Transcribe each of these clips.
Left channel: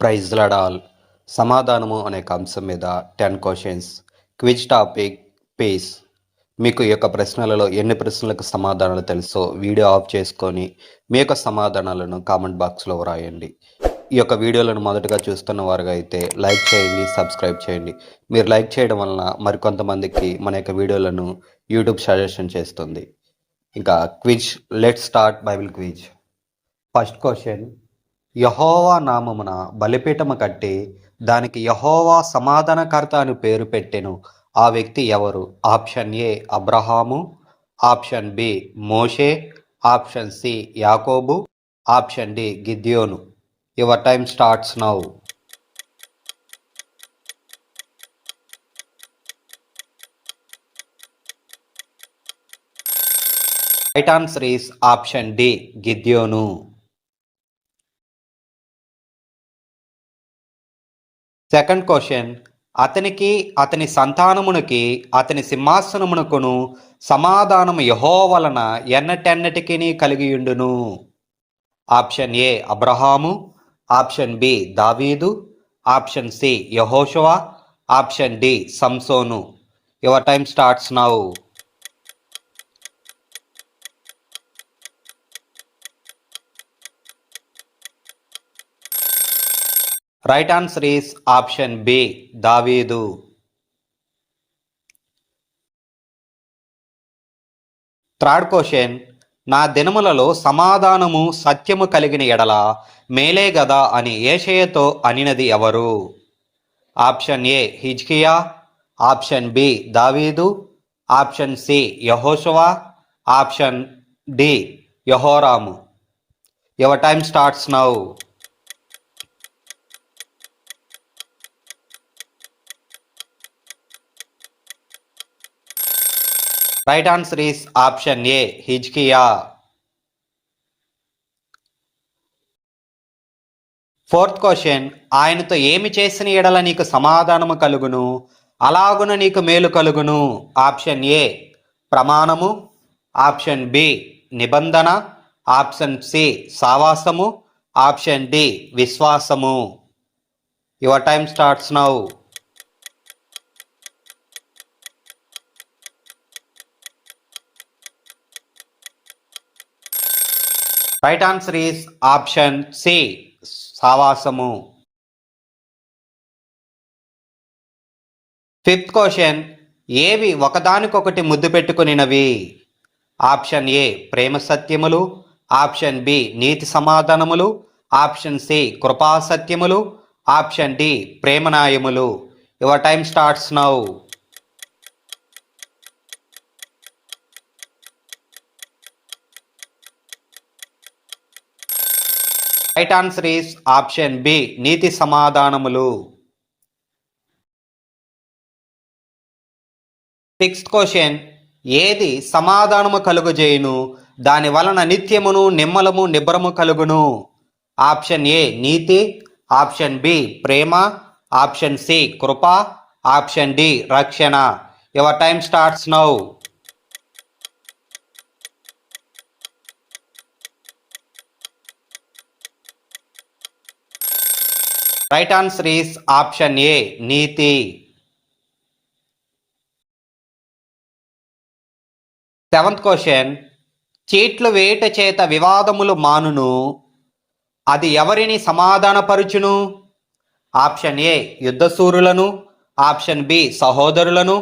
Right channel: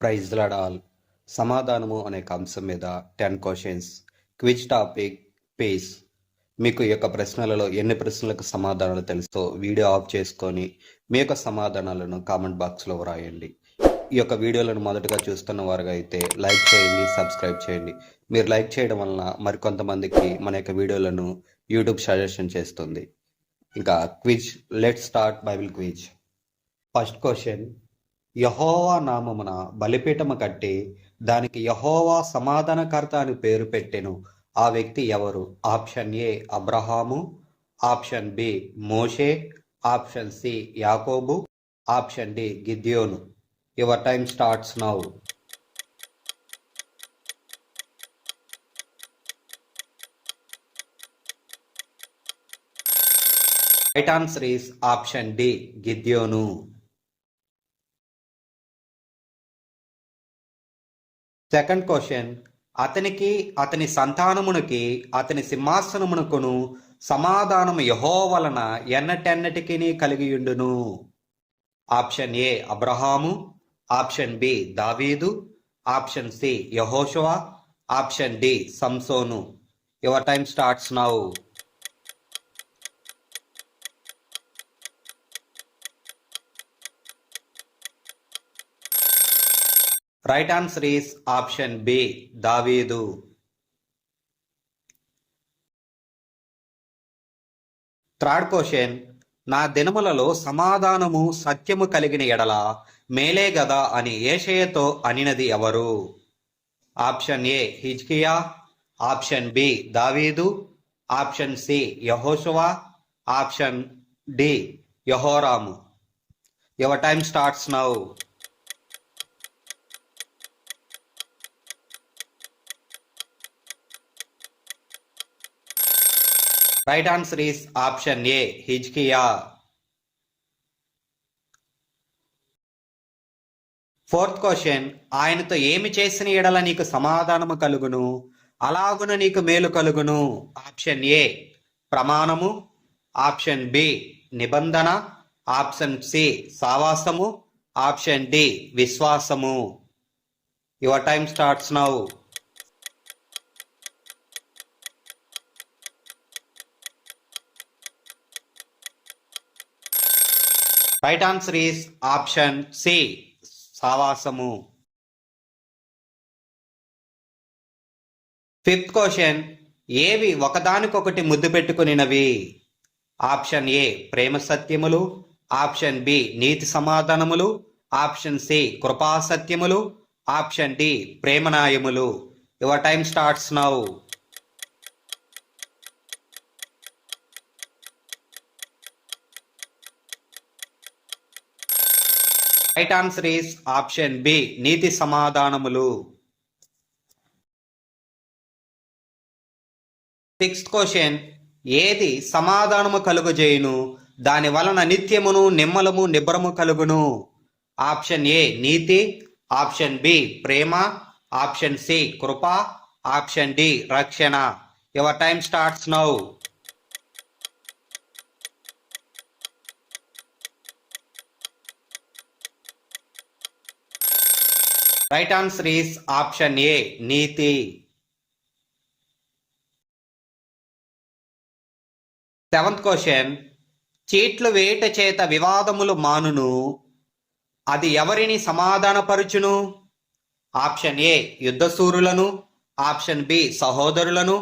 Praise lord. సమాధానము అనే అంశం మీద 10 క్వశ్చన్స్ క్విజ్ టాపిక్ పేస్. మీకు ఈ యొక్క ప్రశ్నలలో ఎన్ని ప్రశ్నలకు సమాధానాలు తెలుసో వీడియో ఆఫ్ చేసుకొని మీ యొక్క సమాధానాలను కామెంట్ బాక్స్లో వ్రాయండి. ఈ యొక్క వీడియోలను మొదటగా చూస్తున్న వారుగా అయితే లైక్ చేయండి, సబ్స్క్రైబ్ చేయండి. మీరు లైక్ చేయడం వలన మరికొంతమందికి మన యొక్క వీడియోలను యూట్యూబ్ సజెషన్ చేస్తుంది. ఇంకా quiz, let start Bible quiz. First question, యెహోవా నామమున బలిపీఠము కట్టి దానికి యెహోవా సమాధానకర్త అని పేరు పెట్టెను ఆ వ్యక్తి ఎవరు? ఆప్షన్ ఏ అబ్రహాము, ఆప్షన్ బి మోషే, ఆప్షన్ సి యాకోబు, ఆప్షన్ డి గిద్యోను. Your time starts now. Right answer is option D గిద్యోను. సెకండ్ క్వశ్చన్, అతనికి అతని సంతానమునికి అతని సింహాసనమునకును సమాధానము యెహోవా వలన ఎన్నటెన్నటికి కలిగియుండును? ఆప్షన్ ఏ అబ్రహాము, ఆప్షన్ బి దావీదు, ఆప్షన్ సి యెహోషువ, ఆప్షన్ డి సంసోను. Your time starts now. Right answer is option B దావీదు. థర్డ్ క్వశ్చన్, నా దినములలో సమాధానము సత్యము కలిగిన ఎడల మేలే గదా అని యేషయతో అనినది ఎవరు? ఆప్షన్ ఏ హిజ్కియా, ఆప్షన్ బి దావీదు, ఆప్షన్ సి యెహోషువ, ఆప్షన్ డి యెహోరాము. Your time starts now. Right answer is option A హిజ్కియా. ఫోర్త్ క్వశ్చన్, ఆయనతో ఏమి చేసిన ఎడల నీకు సమాధానము కలుగును, అలాగున నీకు మేలు కలుగును? ఆప్షన్ ఏ ప్రమాణము, ఆప్షన్ బి నిబంధన, ఆప్షన్ సి సావాసము, ఆప్షన్ డి విశ్వాసము. Your time starts now. Right answer is option C సావాసము. ఫిఫ్త్ క్వశ్చన్, ఏవి ఒకదానికొకటి ముద్దు పెట్టుకునినవి? ఆప్షన్ ఏ ప్రేమ సత్యములు, ఆప్షన్ బి నీతి సమాధానములు, ఆప్షన్ సి కృపా సత్యములు, ఆప్షన్ డి ప్రేమనాయములు. Your time starts now. Right answer is option B నీతి సమాధానములు. సిక్స్త్ క్వశ్చన్, ఏది సమాధానము కలుగజేయును, దాని వలన నిత్యమును నిమ్మలము నిబ్బరము కలుగును? ఆప్షన్ ఏ నీతి, ఆప్షన్ బి ప్రేమ, ఆప్షన్ సి కృప, ఆప్షన్ డి రక్షణ. Your time starts now. Right answer is option A నీతి. సెవెంత్ క్వశ్చన్, చీట్లు వేట చేత వివాదములు మానును, అది ఎవరిని సమాధానపరుచును? ఆప్షన్ ఏ యుద్ధశూరులను, ఆప్షన్ బి సహోదరులను,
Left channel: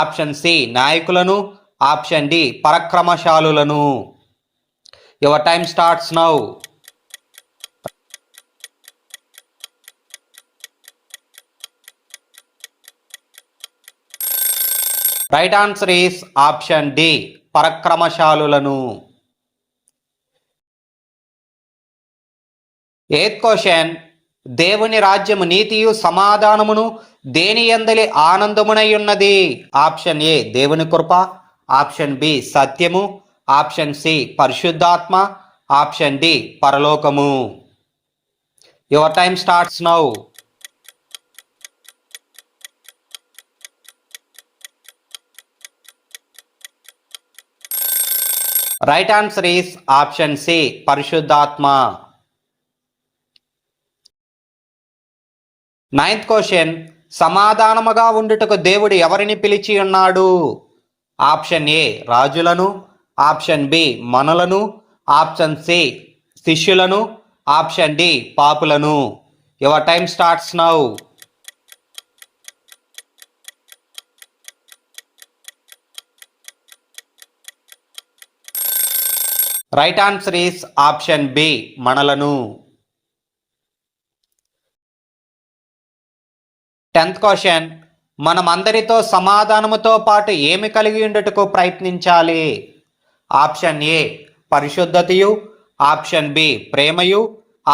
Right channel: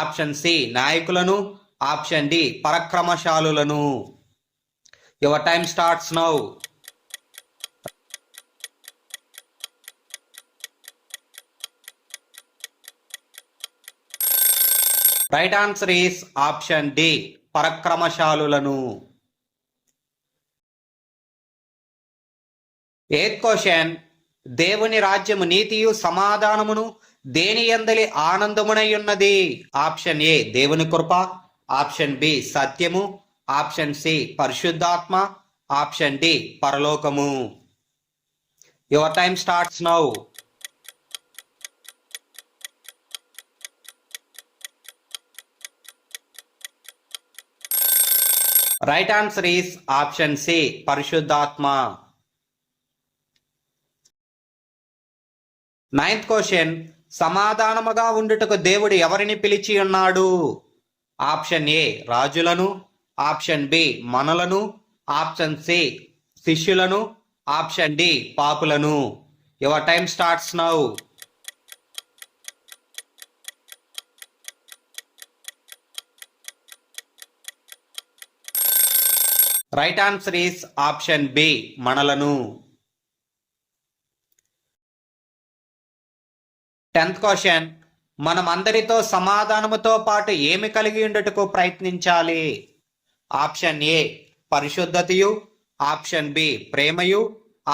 ఆప్షన్ సి నాయకులను, ఆప్షన్ డి పరాక్రమశాలులను. Your time starts now. Right answer is option D పరాక్రమశాలులను. ఎయిత్ క్వశ్చన్, దేవుని రాజ్యము నీతియు సమాధానమును దేని యందలి ఆనందమునై ఉన్నది? ఆప్షన్ ఏ దేవుని కృప, ఆప్షన్ బి సత్యము, ఆప్షన్ సి పరిశుద్ధాత్మ, ఆప్షన్ డి పరలోకము. Your time starts now. Right answer is option C పరిశుద్ధాత్మ. 9th క్వశ్చన్, సమాధానముగా ఉండుటకు దేవుడు ఎవరిని పిలిచి ఉన్నాడు? ఆప్షన్ ఏ రాజులను, ఆప్షన్ బి మనులను, ఆప్షన్ సి శిష్యులను, ఆప్షన్ డి పాపులను. Your time starts now. Right answer is option B మనలను. 10th క్వశ్చన్, మనం అందరితో సమాధానముతో పాటు ఏమి కలిగి ఉండుటకు ప్రయత్నించాలి? ఆప్షన్ ఏ పరిశుద్ధతయు, ఆప్షన్ బి ప్రేమయు,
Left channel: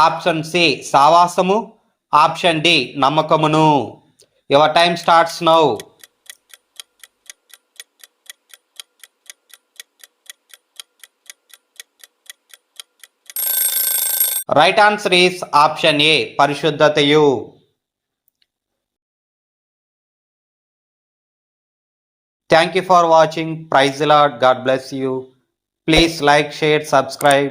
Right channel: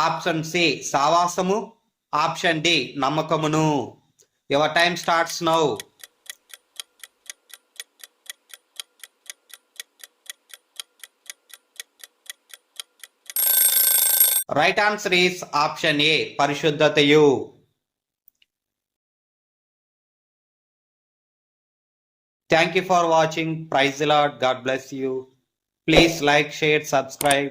ఆప్షన్ సి సావాసము, ఆప్షన్ డి నమ్మకమును. Your time starts now. Right answer is option A పరిశుద్ధతయు. Thank you for watching. Praise the Lord. God bless you. Please like, share, subscribe.